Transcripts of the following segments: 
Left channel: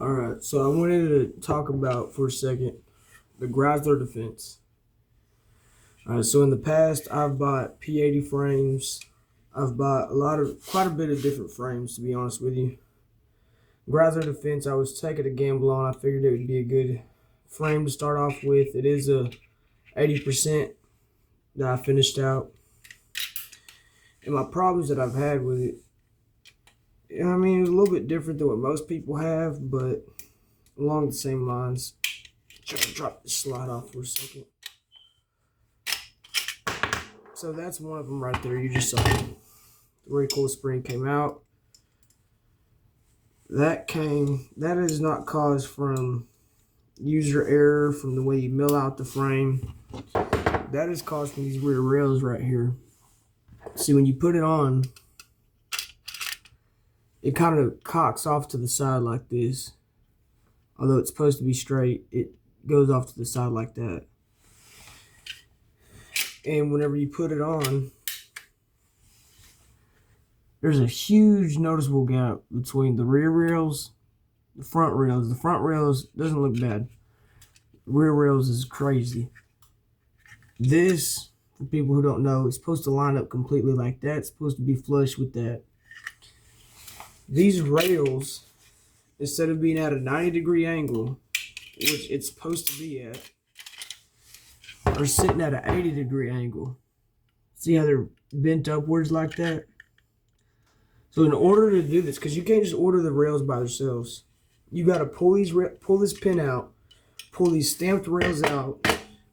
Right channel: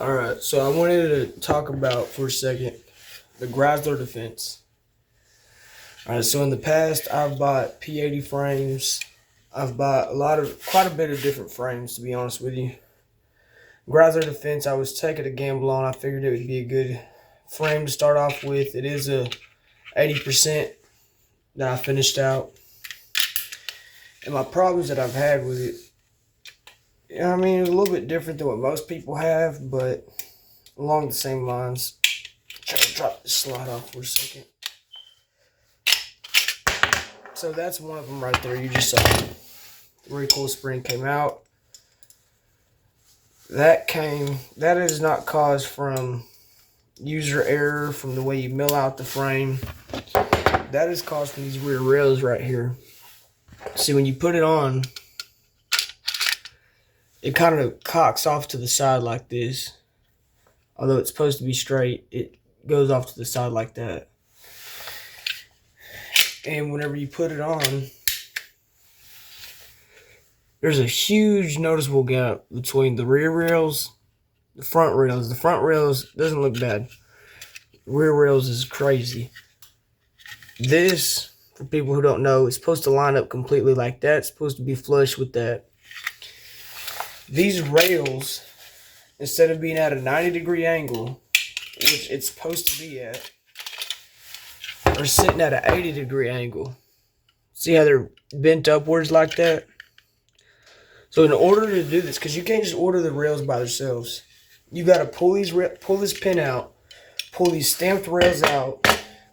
Alright, so I wanted to talk about for a second the Geisler defense. Alright, so in the past I've bought P80 frames. I've bought quite a bit of different frames, to be honest with you. Geisler defense, I was taking a gamble on. I figured it would be a good frame to start off with. It is a 80% that I finished out. And my problems that I've had with it, I mean, it's a little bit different than what most people have, but along the same lines. Try to drop this slide off for a second. So that's one of them right there. You just saw the recoil spring came out. That is not caused from user error from the way you mill out the frame. That is caused from these rear rails right here. See, when you put it on, it kind of cocks off to the side like this. Although it's supposed to be straight, it goes off to the side like that. And whenever you put it on, there's a huge noticeable gap between the rear rails, the front rails. The front rails doesn't look bad. The rear rails is crazy. This, for people who don't know, is supposed to line up completely like that. It's supposed to be flush with that. These rails, instead of being at a 90-degree angle, which it's supposed to be at, are sitting at an 80-degree angle. See how they're bent upwards like that? So in order to do this, because you can't just order the rails by themselves, you got to pull this pin out, pull these stamped rails out,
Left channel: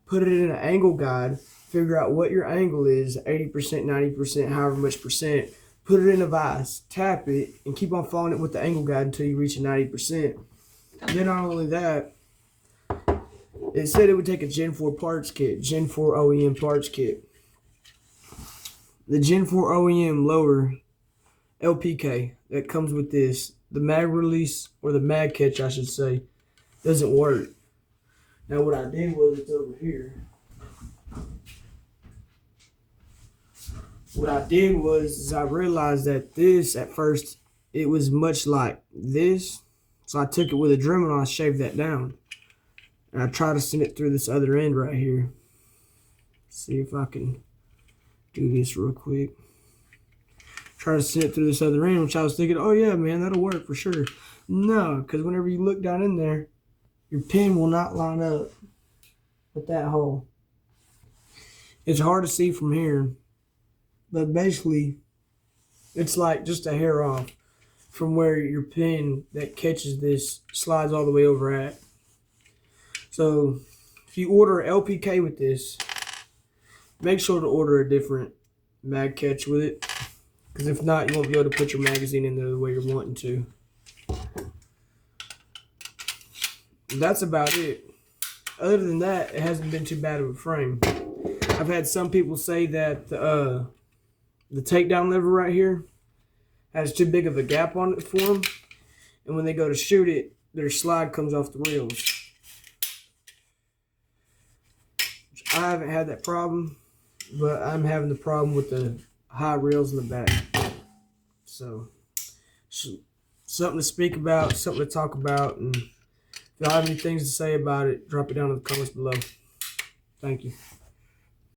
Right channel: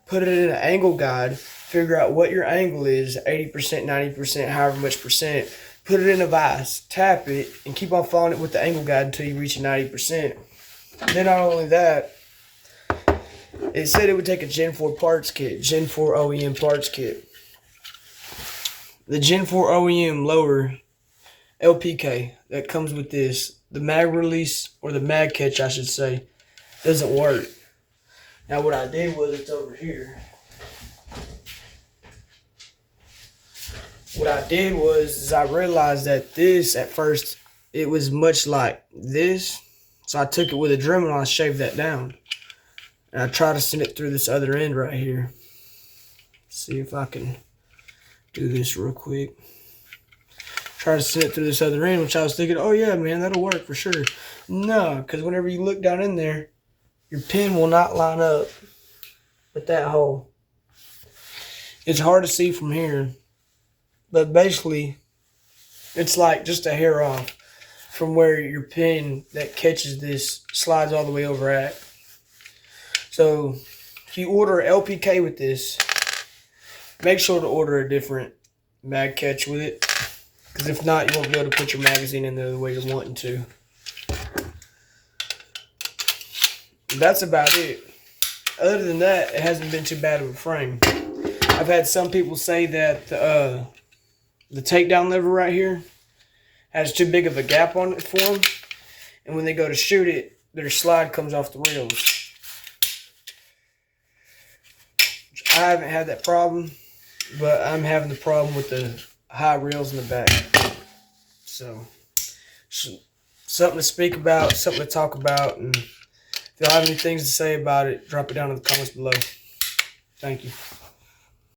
put it in an angle guide, figure out what your angle is, 80%, 90%, however much percent, put it in a vise, tap it, and keep on following it with the angle guide until you reach a 90%. Then not only that, it said it would take a Gen 4 parts kit, Gen 4 OEM parts kit. The Gen 4 OEM lower LPK that comes with this, the mag release, or the mag catch I should say, doesn't work. Now what I did was, it's over here. What I did was, is I realized that this, at first, it was much like this. So I took it with a Dremel and I shaved that down. And I try to send it through this other end right here. See if I can do this real quick. Try to send it through this other end, which I was thinking, oh yeah, man, that'll work for sure. No, because whenever you look down in there, your pin will not line up with that hole. It's hard to see from here, but basically, it's like just a hair off from where your pin that catches this slides all the way over at. So if you order LPK with this, make sure to order a different mag catch with it, because if not, you won't be able to put your magazine in there the way you're wanting to. That's about it. Other than that, it hasn't been too bad of a frame. I've had some people say that the takedown lever right here has too big of a gap on it for them, and when they go to shoot it, their slide comes off the rails. I haven't had that problem, but I'm having the problem with the high rails in the back. So something to speak about, something to talk about, and if y'all have any things to say about it, drop it down in the comments below. Thank you.